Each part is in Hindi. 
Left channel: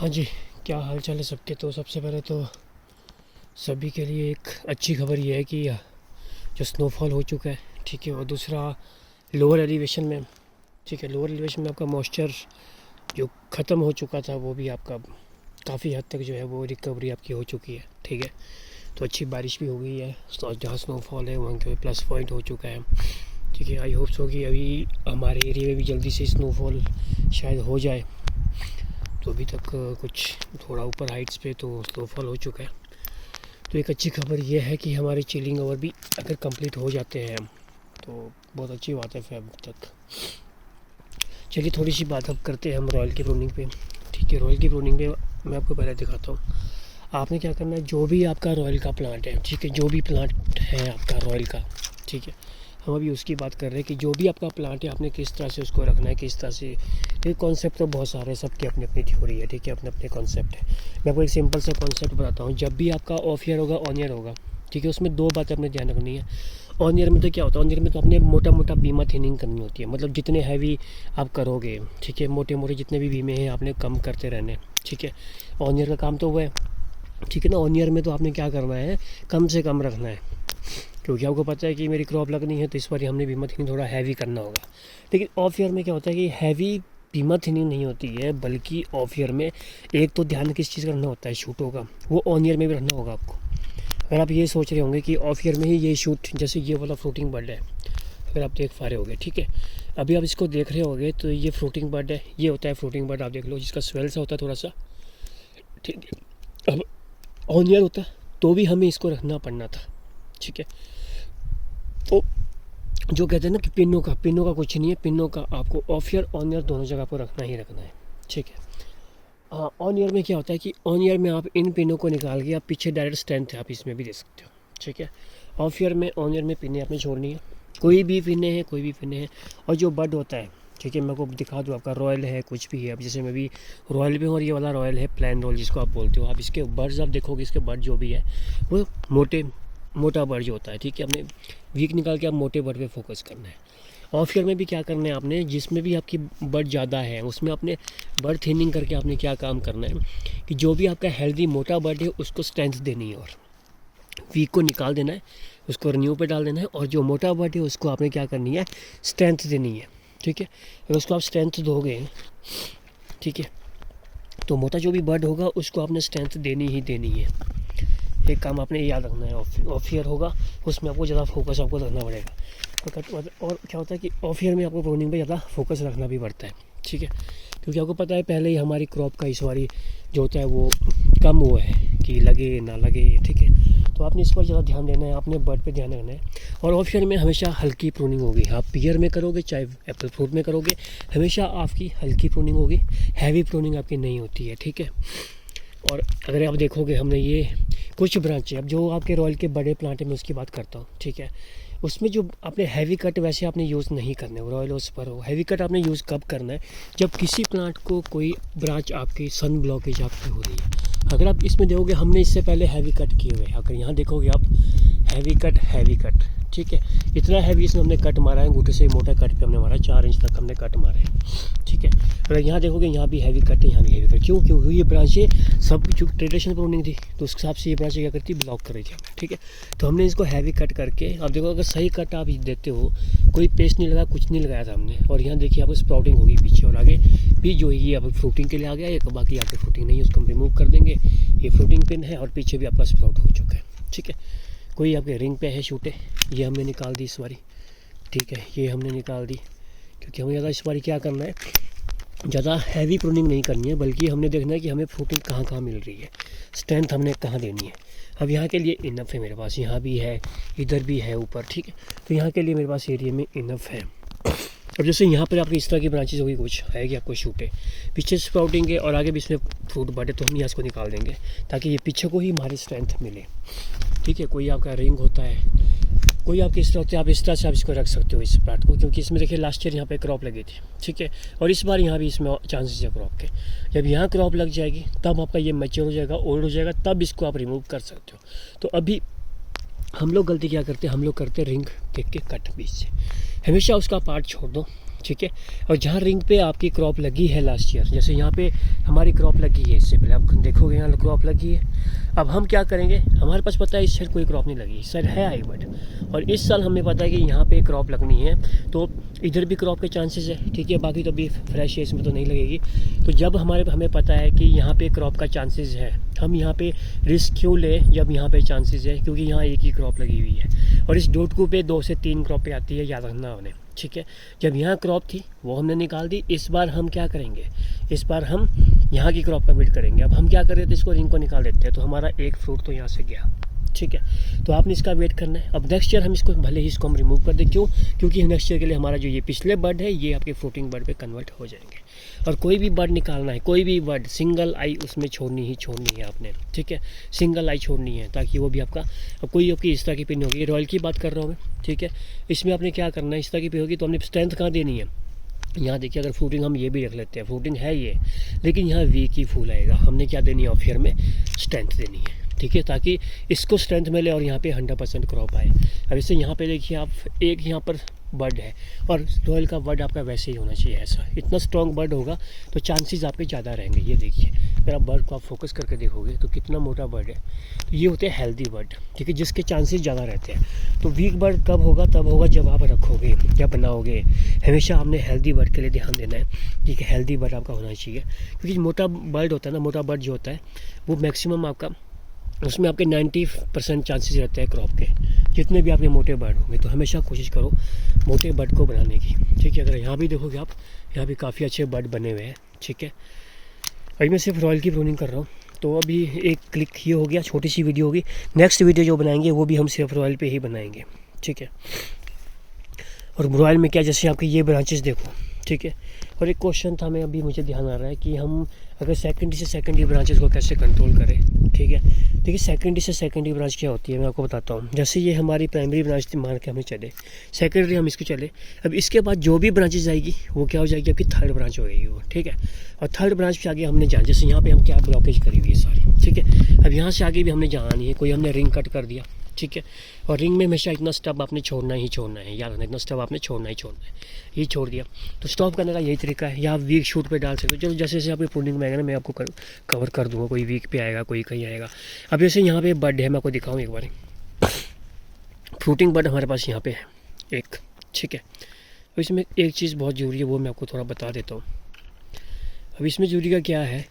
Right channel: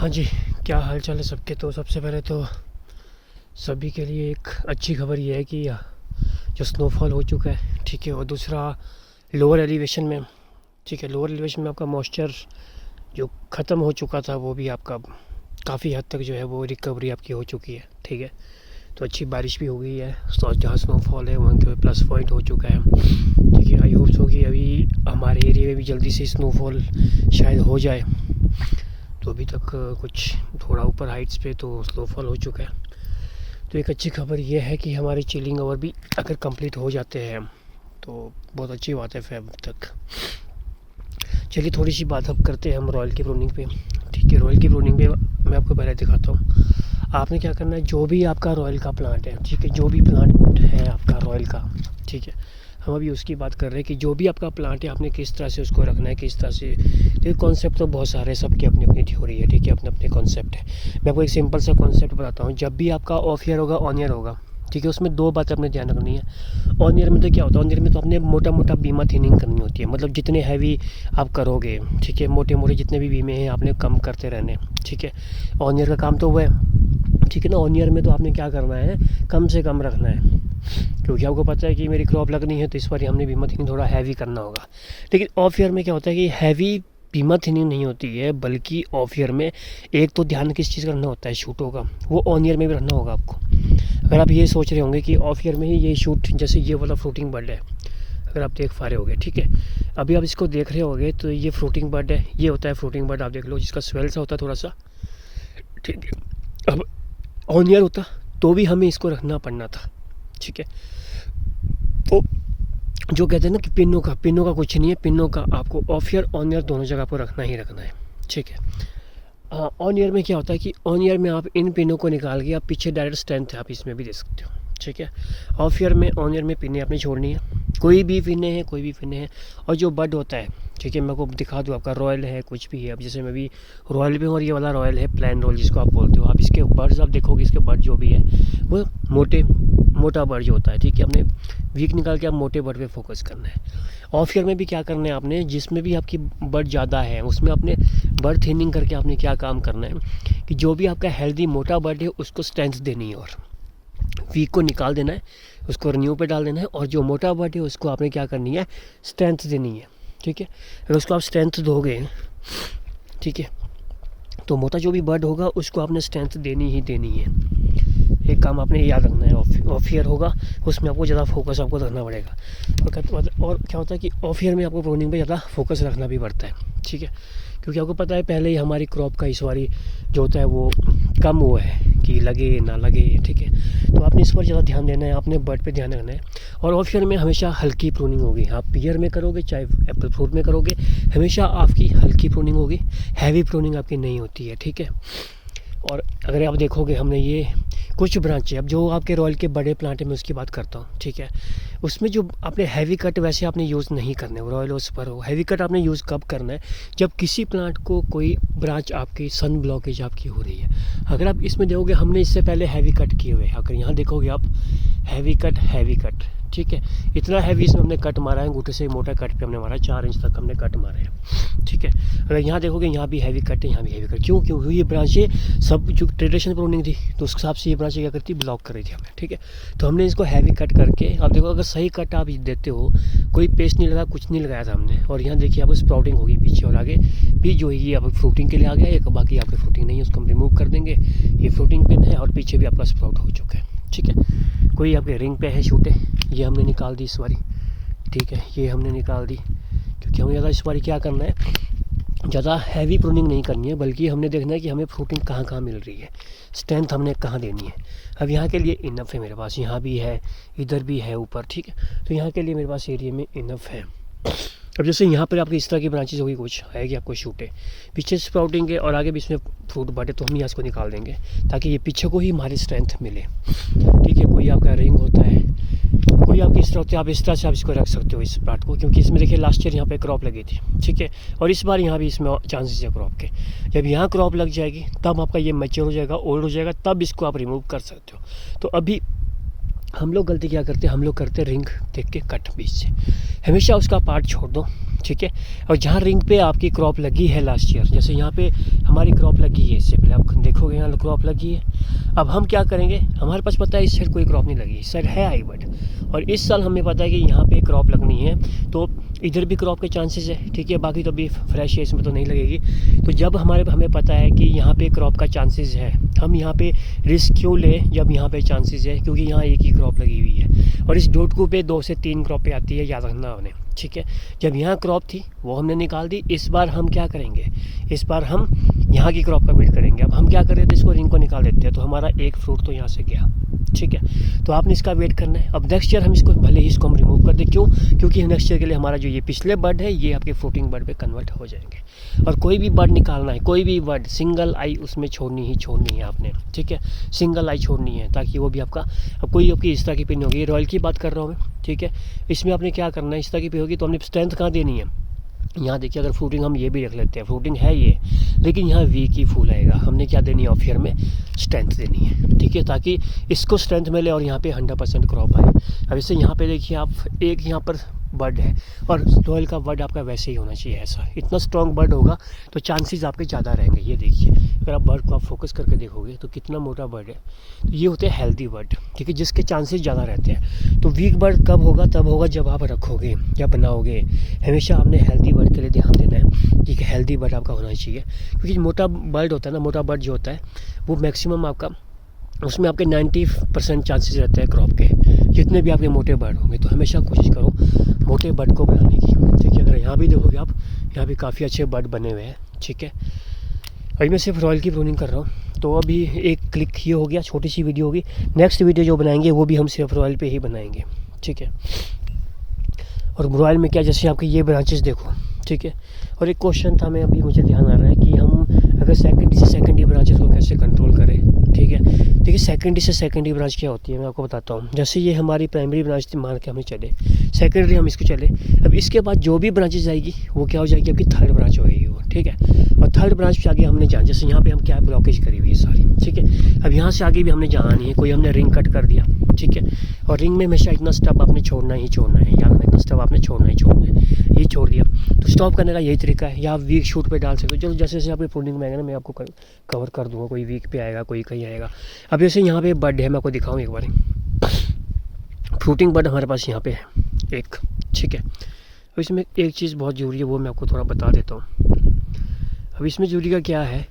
हाँ जी, क्या हाल चाल है सबके। तो सबसे पहले तो सभी के लिए एक अच्छी खबर ये है कि जो स्नोफॉल हो चुका है, ठीक है। और दूसरा, लोअर एलिवेशन में, ठीक है, लोअर एलिवेशन में आपका मॉइस्चर जो ख़त्म हो चुका था वो भी आपका काफ़ी हद तक जो है वो रिकवरी आपकी हो चुकी है, ठीक है। तो अच्छी बारिश भी हो गई है, तो जहाँ स्नोफॉल है वहाँ के प्लस पॉइंट हो चुका है, ठीक है। आई होप सो कि अभी हमारे एरिया में भी जल्दी से स्नोफॉल शायद हो जाए। तो अभी तक कुछ थोड़ा ऊपर हाइट्स पे तो स्नोफॉल हो चुका है। तो एक अच्छी खबर ये है कि हमारे चिलिंग ओवर भी अगर कंप्लीट हो जाते हैं तो बहुत अच्छी बात है फेब तक। चलिए थोड़ी सी बात अब करते हैं हम रॉयल की प्रूनिंग पे, ठीक है। रॉयल की प्रूनिंग पे मैं आपको पहले दिखाता हूँ। आपने क्या करना है, जो भी आपका रॉयल का प्लांट है, ठीक है, जो भी प्लांट है आपका रॉयल का, ठीक है, हम अभी उसकी बात कर रहे हैं कि जो भी आपका प्लांट है आपने किस तरह से उसको रखना है, किस तरह से। ये कॉन्सेप्ट तो बहुत सारे, सबकी अपनी अपनी थ्योरी है, ठीक है, अपने अपने कॉन्सेप्ट है। मैं आपको एक सिंपल सा कॉन्सेप्ट बताता हूँ। जब भी आपका ऑफ ईयर होगा, ऑन ईयर होगा, ठीक है, उसमें दो बातें अपने ध्यान रखनी है। ऑन ईयर में तो क्या होता है, ऑन ईयर में तो अपने मोटा मोटा बीमा थिनिंग करनी होती है, मतलब जितने हैवी आप करोगे, ठीक है, मोटे मोटे जितने भी बीमे हैं आपने कम करते रहने, ठीक है। ऑन ईयर का काम तो वो है, ठीक है ना। ऑन ईयर में तो आपने क्या करना है, कम से कम रखना है, क्योंकि आपको पता है कि मेरी क्रॉप लगनी है तो इस बार हमने बीमा थिनिंग थोड़ा हैवी करना होगा। लेकिन ऑफ ईयर में क्या होता है कि हैवी बीमा थिनिंग नहीं होती है, बल्कि ऑफ ईयर में एक तो ध्यान किस चीज़ का रखना होता है, शूटों का, वो ऑन ईयर में भी रखना होगा आपको। अगर आप ये सोच रहे होंगे कि ऑफ ईयर में ही ये शूट, जैसे ये वाला फ्रूटिंग बर्ड है, अगर आप देख पा रहे होगे, ठीक है, अभी आप इसको देख रहे होगे तो ये फ्रूटिंग बर्ड है, ये होता है फ्रूटिंग बर्ड, आप देख लो, जिसका स्वेल सा होता है थोड़ा सा, ठीक है। अब ऑन ईयर होता तो भी हमें इसको रखना पड़ना था, ठीक है। तो जो कहते हैं ना कि पिनों का कुछ नहीं है, पिनों का आपको ऑफ ईयर ऑन ईयर दोनों जगह पर रखना ही रखना है, ठीक है। ऑन ईयर में क्या होता है कि ऑन ईयर में आप इन पिनों को निकाल के आप पीछे डायरेक्ट स्ट्रेंथ है आप इसमें भी दे सकते हो, ठीक है। ऑफ ईयर में, ऑन ईयर में पिने आपने छोड़नी है, कोई भी पिने हैं, कोई भी पिने हैं। और जो बड होता है, ठीक है, मैं आपको दिखा दूँ, आपका रॉयल है कुछ भी है, अब जैसे मैं भी रॉयल पे हूँ और ये वाला रॉयल है प्लान रॉयल जिसको आप बोलते हो, आप इसके बर्ड्स आप देखोगे, इसके बर्ड जो भी है वो मोटा बर्ड जो होता है, ठीक है। अपने वीक निकाल के आप मोटे बर्ड पे फोकस करना है। ऑफ ईयर में भी क्या करना है आपने, जिसमें भी आपकी बर्ड ज़्यादा है उसमें आपने बर्ड थिनिंग करके आपने क्या काम करना है कि जो भी आपका हेल्दी मोटा बर्ड है उसको स्ट्रेंथ देनी है, और वीक को निकाल देना है, उसको रिन्यू पे डाल देना है, और जो मोटा बर्ड है उसको आपने क्या करनी है, स्ट्रेंथ देनी है, ठीक है। अगर उसको आप स्ट्रेंथ दोगे, ठीक है, तो मोटा जो भी बर्ड होगा उसको आपने स्ट्रेंथ देनी ही देनी है। एक काम आपने याद रखना है, ऑफ ईयर होगा उसमें आपको ज़्यादा फोकस आपको रखना पड़ेगा। और क्या होता है कि ऑफ ईयर में आपको प्रूनिंग पे ज़्यादा फोकस रखना भी पड़ता है, ठीक है, क्योंकि आपको पता है पहले ही हमारी क्रॉप का इस बारी जो होता है वो कम हुआ है कि लगे ना लगे, ठीक है। तो आपने इस पर ज़्यादा ध्यान देना है, आपने बर्ड पे ध्यान रखना है। और ऑफ ईयर में हमेशा हल्की प्रूनिंग होगी, आप ईयर में करोगे चाहे एप्पल फ्रूट में करोगे, हमेशा आपकी हल्की प्रूनिंग होगी, हैवी प्रूनिंग आपकी नहीं होती है, ठीक है। और अगर आप देखोगे हमने ये कुछ ब्रांचें, अब जो आपके रॉयल के बड़े प्लांट है मैं उसकी बात करता हूँ, ठीक है, उसमें जो आपने हैवी कट वैसे आपने यूज़ नहीं करने, रॉयल उस पर हो हैवी कट आपने यूज़ कब करना है, जब किसी प्लांट को कोई ब्रांच आपकी सन ब्लॉकेज आपकी हो रही है। अगर आप इसमें देखोगे हमने इससे पहले हैवी कट किए हुए हैं, अगर यहाँ देखोगे आप हैवी कट, ठीक है, इतना हैवी इसमें हमने कट मारा है, अंगूठे से मोटा कट पे हमने मारा है, 4 इंच तक हमने कट मारा है, ठीक है। अगर यहाँ देखोगे यहाँ भी हैवी कट है, यहाँ भी हैवी कट, क्योंकि ये ब्रांचें सब जो ट्रेडिशनल प्रूनिंग थी तो उस हिसाब से ये ब्रांचें क्या करती, ब्लॉक कर रही थी हमें, ठीक है। तो हमने इसको हैवी कट करके, आप देखो अगर सही कट आप देते हो, कोई पेस्ट नहीं लगा, कुछ नहीं लगाया था हमने, और यहाँ देखिए आपको स्प्राउटिंग होगी पीछे, और आगे भी जो है ये अब फ्रूटिंग के लिए आ गया, एक बाकी आपकी फ्रूटिंग नहीं है उसको हम रिमूव कर देंगे, ये फ्रूटिंग पिन है और पीछे भी आपका स्प्राउट हो चुका है, ठीक है। कोई आपके रिंग पे है शूटे, ये हमने निकाल दी इस बारी, ठीक है, ये हमने निकाल दी, क्योंकि हमें ज़्यादा इस बारी क्या करना है, ज़्यादा हैवी प्रूनिंग नहीं करनी है, बल्कि हमने देखना है कि हमें फ्रूटिंग कहाँ कहाँ मिल रही है, स्ट्रेंथ हमने कहाँ देनी है। अब यहाँ के लिए इनफ है मेरे पास, यहाँ भी है, इधर भी है ऊपर, ठीक है, तो यहाँ के लिए मेरे पास एरिया में इनफ है। अब जैसे यहाँ पर आपकी इस तरह की ब्रांचेज होगी, कुछ आएगी आपको शूटे, पीछे स्प्राउटिंग के और आगे भी इसमें फ्रूट बटे, तो हम यहाँ इसको निकाल देंगे ताकि ये पीछे को ही हमारी स्ट्रेंथ मिले, ठीक है। कोई आपका रिंग होता है, कोई आपकी इस तरह होती है, आप इस तरह से आप इसको रख सकते हो इस प्लांट को, क्योंकि इसमें देखिए लास्ट ईयर यहाँ पे क्रॉप लगी थी, ठीक है, और इस बार यहाँ भी इसमें चांसेस है क्रॉप के। जब यहाँ क्रॉप लग जाएगी तब आपका ये मैच्योर हो जाएगा, ओल्ड हो जाएगा, तब इसको आप रिमूव कर सकते हो। तो अभी हम लोग गलती क्या करते हैं, हम लोग करते हैं रिंग देख के कट बीच से, हमेशा उसका पार्ट छोड़ दो, ठीक है। और जहाँ रिंग पे आपकी क्रॉप लगी है लास्ट ईयर, जैसे यहाँ पे हमारी क्रॉप लगी है, इससे पहले आप देखोगे यहाँ क्रॉप लगी है। अब हम क्या करेंगे, हमारे पास पता है इस साइड कोई क्रॉप नहीं लगी, इस साइड है आई बट, और इस साल हमें पता है कि यहाँ पे क्रॉप लगनी है, तो इधर भी क्रॉप के चांसेस है, ठीक है। बाकी तो अभी फ्रेश है, इसमें तो नहीं लगेगी। तो जब हमें पता है कि यहाँ पे क्रॉप का चांसेस है, हम यहाँ पे रिस्क क्यों लें जब यहाँ पे चांसेस है, क्योंकि यहाँ एक ही क्रॉप लगी हुई है और इस डोटकू पे 2 से 3 क्रॉपें आती है, याद रखना उन्हें, ठीक है। जब यहाँ क्रॉप थी वो हमने निकाल दी, इस बार हम क्या करेंगे, इस बार हम यहाँ की क्रॉप का वेट करेंगे। अब हम क्या कर रहे थे, इसको रिंग को निकाल देते हैं, तो हमारा एक फ्रूट तो यहाँ से गया, ठीक है। तो आपने इसका वेट करना है। अब नेक्स्ट ईयर हम इसको भले ही इसको हम रिमूव कर दें, क्यों, क्योंकि नेक्स्ट ईयर के लिए हमारा जो ये पिछले बर्ड है ये आपके फ्रूटिंग बर्ड पे कन्वर्ट हो जाएंगे। और कोई भी बर्ड निकालना है, कोई भी बर्ड, सिंगल आई उसमें छोड़नी है आपने, ठीक है। सिंगल आई छोड़नी है ताकि वो भी आपका, अब कोई आपकी इस तरह की पिन होगी, रॉयल की बात कर रहा हूँ मैं, ठीक है। इसमें आपने क्या करना है, इस तरह की पिन होगी तो हमने स्ट्रेंथ कहाँ देनी है, यहाँ देखिए, अगर फ्रूटिंग हम ये भी रख लेते हैं, फ्रूटिंग है ये, लेकिन यहाँ वीक ही फूल आएगा, हमने क्या देनी है, ऑफ ईयर में स्ट्रेंथ देनी है, ठीक है, ताकि इसको स्ट्रेंथ मिले और यहाँ पे 100% क्रॉप आए। अब इससे यहाँ पे देखिए आप, एक यहाँ पर बर्ड है और रॉयल का बर्ड आपका वैसे ही होना चाहिए, ऐसा इतना स्ट्रॉन्ग बर्ड होगा तो चांसेस आपके ज़्यादा रहेंगे। ये देखिए, अगर आप बर्ड को आप फोकस करके देखोगे तो कितना मोटा बर्ड है, तो ये होते हैं हेल्दी बर्ड, ठीक है, जिसके चांसेस ज़्यादा रहते हैं। तो वीक बर्ड कब होगा, तब होगा जब आप रखोगे या बनाओगे। हमेशा आपने हेल्दी बर्ड के लिए ध्यान देना है, ठीक है, हेल्दी बर्ड आपका होना चाहिए, क्योंकि मोटा बर्ड होता है ना, मोटा बर्ड जो होता है वो मैक्सिमम आपका, उसमें आपके 90% चांसेस रहते हैं क्रॉप के, जितने भी आपके मोटे बर्ड होंगे। तो हमेशा कोशिश करो मोटे बर्ड को बनाने की, ठीक है। अगर यहाँ भी देखोगे आप, यहाँ भी काफ़ी अच्छे बर्ड बने हुए हैं, ठीक है। अभी मैं सिर्फ रॉयल की प्रूनिंग कर रहा हूँ, तो अभी एक क्लिक ये हो गया, छोटी सी वीडियो होगी। नेक्स्ट वीडियो जो बनाएंगे वो भी हम सिर्फ रॉयल पे ही बनाएंगे, ठीक है। और रॉयल में क्या, जैसे आपके ये ब्रांचेस देखो, ठीक है। और एक क्वेश्चन था, मैं अभी मुझे ध्यान आ रहा है कि हम अगर सेकेंडरी ब्रांचेस को कैसे कंट्रोल करें, ठीक है। देखिए, सेकेंडरी ब्रांच क्या होती है, मैं आपको बताता हूँ। जैसे ये हमारी प्राइमरी ब्रांच थी, मान के हमें चले, सेकेंडरी हम इसको चले, अब इसके बाद जो भी ब्रांचेस आएगी वो क्या हो जाएगी, आपकी थर्ड ब्रांच हो गई वो, ठीक है। और थर्ड ब्रांच पे आगे हमने जाना, जैसे यहाँ पे हम क्या ब्लॉकेज करी हुई है सारी, ठीक है। अब यहाँ से आगे भी हमने जाना नहीं है, कोई हमने रिंग कट कर दिया, ठीक है। और रिंग में हमेशा इतना स्टब आपने छोड़ना ही छोड़ना है, याद रखना, इतना स्टब आपने छोड़ना ही छोड़ना है। ये छोड़ दिया तो स्टॉप करने का यही तरीका है, या आप वीक शूट पे डाल सकते हो। चलो जैसे जैसे आपकी प्रूनिंग में आएगा ना, मैं आपको कवर कर दूंगा, कोई वीक पे आएगा, कोई कहीं आएगा। अब जैसे यहाँ पे बर्ड है, मैं आपको दिखाऊँ एक बार, फ्रूटिंग बर्ड हमारे पास यहाँ पे है एक, ठीक है। अब इसमें एक चीज़ बहुत ज़रूरी है, वो मैं आपको थोड़ा बता देता हूँ। अब इसमें ज़रूरी का क्या है,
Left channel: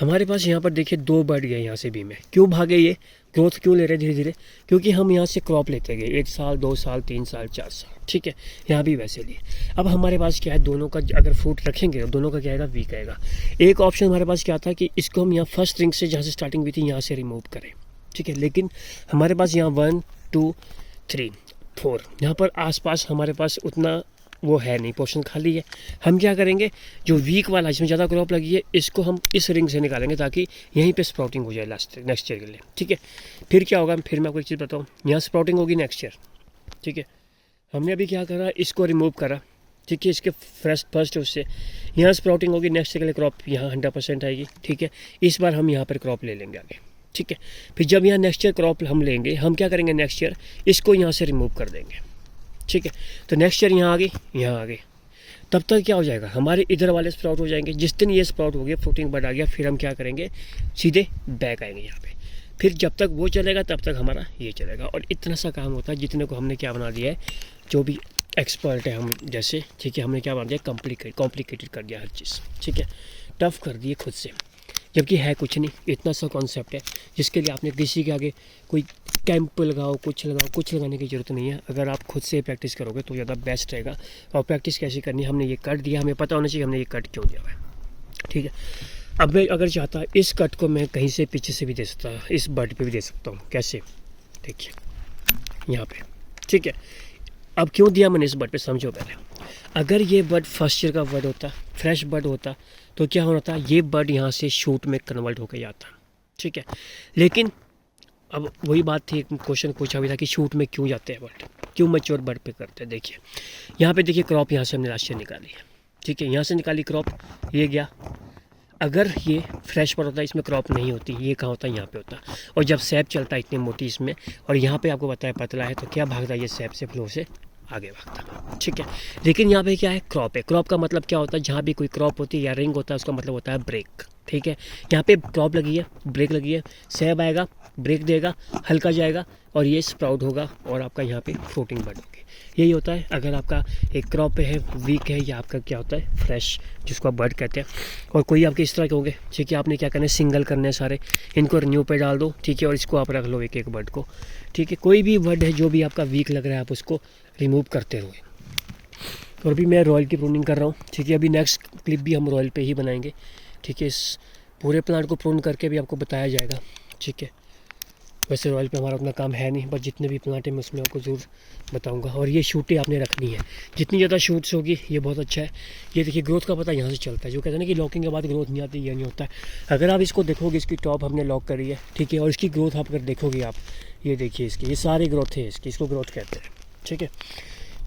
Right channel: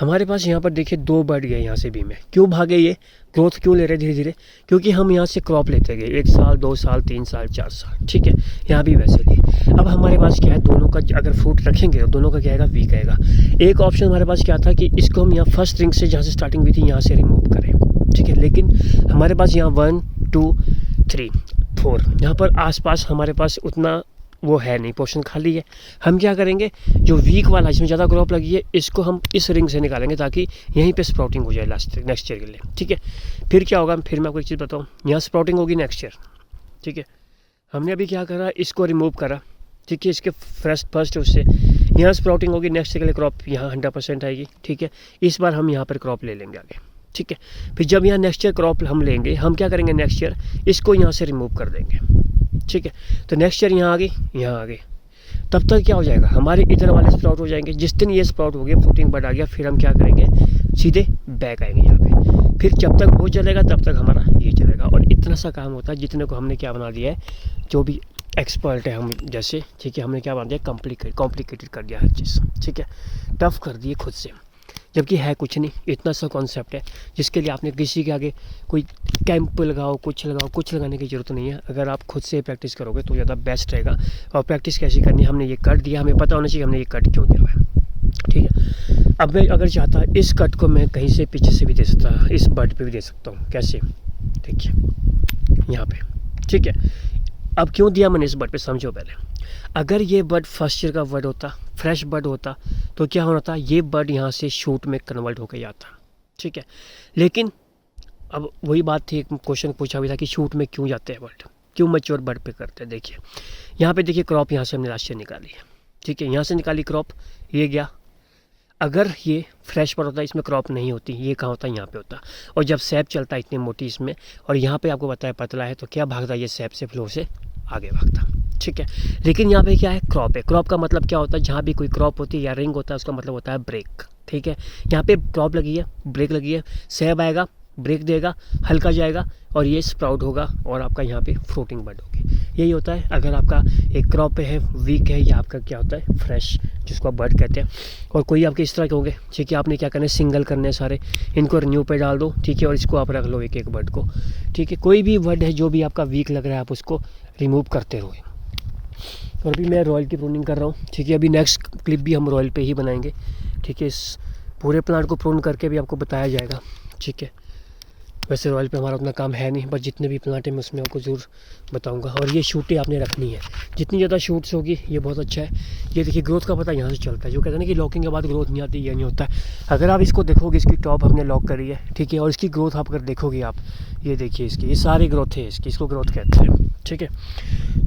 हमारे पास यहाँ पर देखिए 2 बर्ड गए यहाँ से भी में, क्यों भागे, ये ग्रोथ क्यों ले रहे धीरे धीरे, क्योंकि हम यहाँ से क्रॉप लेते गए 1 साल 2 साल 3 साल 4 साल, ठीक है। यहाँ भी वैसे लिए। अब हमारे पास क्या है, दोनों का अगर फ्रूट रखेंगे तो दोनों का क्या आएगा, वीक आएगा। एक ऑप्शन हमारे पास क्या था कि इसको हम यहाँ फर्स्ट रिंग से, जहाँ से स्टार्टिंग हुई थी, यहाँ से रिमूव करें, ठीक है। लेकिन हमारे पास यहाँ 1 2 3 4 यहाँ पर आसपास हमारे पास उतना वो है नहीं, पोर्शन खाली है। हम क्या करेंगे, जो वीक वाला जिसमें ज़्यादा क्रॉप लगी है, इसको हम इस रिंग से निकालेंगे ताकि यहीं पे स्प्राउटिंग हो जाए नेक्स्ट ईयर के लिए, ठीक है। फिर क्या होगा, फिर मैं आपको एक चीज़ बताऊँ, यहाँ स्प्राउटिंग होगी नेक्स्ट ईयर, ठीक है। हमने अभी क्या करा, इसको रिमूव करा, ठीक है, इसके फर्स्ट उससे यहाँ स्प्राउटिंग होगी, नेक्स्ट ईयर के लिए क्रॉप यहाँ 100% आएगी, ठीक है। इस बार हम यहाँ पर क्रॉप ले लेंगे आगे, ठीक है। फिर जब यहाँ नेक्स्ट ईयर क्रॉप हम लेंगे, हम क्या करेंगे, नेक्स्ट ईयर इसको यहाँ से रिमूव कर देंगे, ठीक है। तो नेक्स्ट ईयर यहाँ आ गई, तब तक क्या हो जाएगा, हमारे इधर वाले स्प्राउट हो जाएंगे। जिस दिन ये स्प्राउट हो गया, फ्रूटिंग बर्ड आ गया, फिर हम क्या करेंगे, सीधे बैक आएंगे यहाँ पे। फिर जब तक वो चलेगा तब तक हमारा ये चलेगा। और इतना सा काम होता है, जितने को हमने क्या बना दिया है, जो भी एक्सपर्ट है हम जैसे, ठीक है, हमने क्या बना दिया, कॉम्प्लिकेटेड कर दिया हर चीज़, ठीक है, टफ कर दिए खुद से, जबकि है कुछ नहीं। इतना सा कॉन्सेप्ट है जिसके लिए आपने किसी के आगे कोई कैंप लगाओ, कुछ लगाने की ज़रूरत नहीं है। अगर आप खुद से प्रैक्टिस करोगे तो ज़्यादा बेस्ट रहेगा। और प्रैक्टिस कैसी करनी है, हमने ये कट दिया, हमें पता होना चाहिए हमने ये कट क्यों दिया है, ठीक है। अब मैं अगर चाहता इस कट को मैं कहीं से पीछे से भी दे सकता, इस बर्ड पे भी दे सकता हूँ, कैसे, देखिए यहाँ पे, ठीक है। अब क्यों दिया मैंने इस बर्ड पे, समझो पहले। अगर ये बर्ड फर्स्ट ईयर का बर्ड होता, फ्रेश बर्ड होता, तो क्या होना था, ये बर्ड यहाँ से शूट में कन्वर्ट होकर जाता, ठीक है। लेकिन अब वही बात थी, एक क्वेश्चन पूछा हुआ था कि शूट में क्यों जाते हैं बर्ड, क्यों मैच्योर बर्ड पे करते हैं। देखिए यहाँ पे देखिए, क्रॉप यहाँ से हमने लास्ट ईयर निकाली है, ठीक है, यहाँ से निकाली क्रॉप, ये गया। अगर ये फ्रेश बर्ड होता, इसमें क्रॉप नहीं होती, ये कहाँ होता, यहाँ पे होता। और जब सैप चलता है इतनी मोटी इसमें, और यहाँ पे आपको बताया पतला है, तो क्या भागता, ये सैप से फ्लो से आगे भागता। ठीक है। लेकिन यहाँ पे क्या है, क्रॉप है। क्रॉप का मतलब क्या होता है, जहाँ भी कोई क्रॉप होती है या रिंग होता है उसका मतलब होता है ब्रेक। ठीक है, यहाँ पे क्रॉप लगी है, ब्रेक लगी है, सेब आएगा, ब्रेक देगा, हल्का जाएगा और ये स्प्राउट होगा और आपका यहाँ पे फ्रूटिंग बड होगी। यही होता है अगर आपका एक क्रॉप पे है, वीक है, या आपका क्या होता है फ्रेश, जिसको आप बर्ड कहते हैं। और कोई आपके इस तरह के होंगे, ठीक है, आपने क्या करना है, सिंगल करने हैं सारे, इनको रिन्यू पे डाल दो, ठीक है, और इसको आप रख लो एक एक बर्ड को। ठीक है, कोई भी बर्ड है जो भी आपका वीक लग रहा है आप उसको रिमूव करते रहो। और अभी मैं रॉयल की प्रूनिंग कर रहा हूँ। ठीक है, अभी नेक्स्ट क्लिप भी हम रॉयल पे ही बनाएंगे। ठीक है, इस पूरे प्लांट को प्रून करके भी आपको बताया जाएगा। ठीक है, वैसे रॉयल पे हमारा उतना काम है नहीं, बट जितने भी प्लांट हैं मैं उसमें आपको ज़रूर बताऊंगा। और ये शूटें आपने रखनी है, जितनी ज़्यादा शूट्स होगी ये बहुत अच्छा है। ये देखिए ग्रोथ का पता यहाँ से चलता है। जो कहते हैं ना कि लॉकिंग के बाद ग्रोथ नहीं आती, ये नहीं होता है। अगर आप इसको देखोगे, इसकी टॉप हमने लॉक करी है, ठीक है, और इसकी ग्रोथ आप अगर देखोगे आप, ये देखिए इसकी, ये सारी ग्रोथ है इसकी, इसको ग्रोथ कहते हैं। ठीक है,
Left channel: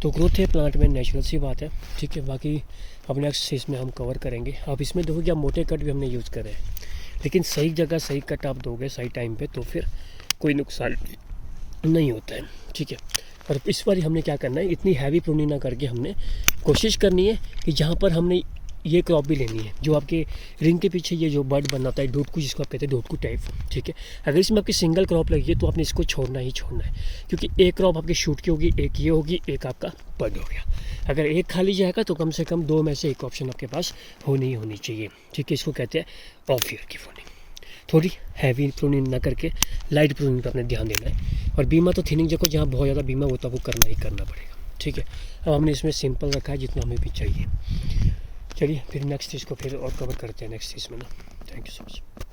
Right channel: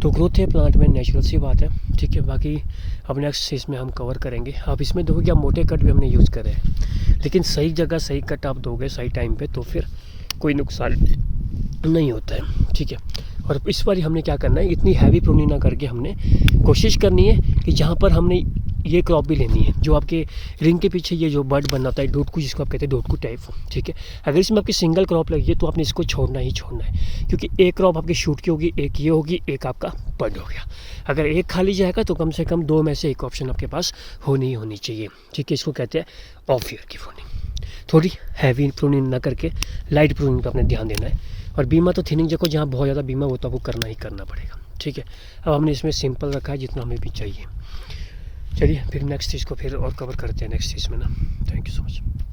तो ग्रोथ है प्लांट में, नेचुरल सी बात है। ठीक है, बाकी अब नेक्स्ट स्टेज में हम कवर करेंगे। अब इसमें देखो कि आप मोटे कट भी हमने यूज़ करे हैं, लेकिन सही जगह सही कट आप दोगे सही टाइम पे तो फिर कोई नुकसान नहीं होता है। ठीक है, और इस बार हमने क्या करना है, इतनी हैवी प्रूनिंग ना करके हमने कोशिश करनी है कि जहाँ पर हमने ये क्रॉप भी लेनी है, जो आपके रिंग के पीछे ये जो बर्ड बना होता है, डोटकू जिसको आप कहते हैं, डोटकू टाइप। ठीक है, अगर इसमें आपकी सिंगल क्रॉप लगी है तो आपने इसको छोड़ना ही छोड़ना है, क्योंकि एक क्रॉप आपकी शूट की होगी, एक ये होगी, एक आपका बर्ड हो गया। अगर एक खाली जाएगा तो कम से कम 2 में से एक ऑप्शन आपके पास होनी ही होनी चाहिए। ठीक है, इसको कहते हैं ऑफ ईयर की प्रूनिंग। थोड़ी हैवी प्रूनिंग ना करके लाइट प्रूनिंग पर अपने ध्यान देना है। और बीमा तो थिनिंग जगह जहाँ बहुत ज़्यादा बीमा होता है वो करना ही करना पड़ेगा। ठीक है, अब हमने इसमें सिंपल रखा है जितना हमें भी चाहिए। चलिए फिर नेक्स्ट चीज़ को फिर और कवर करते हैं नेक्स्ट चीज़ में ना। Thank you so much.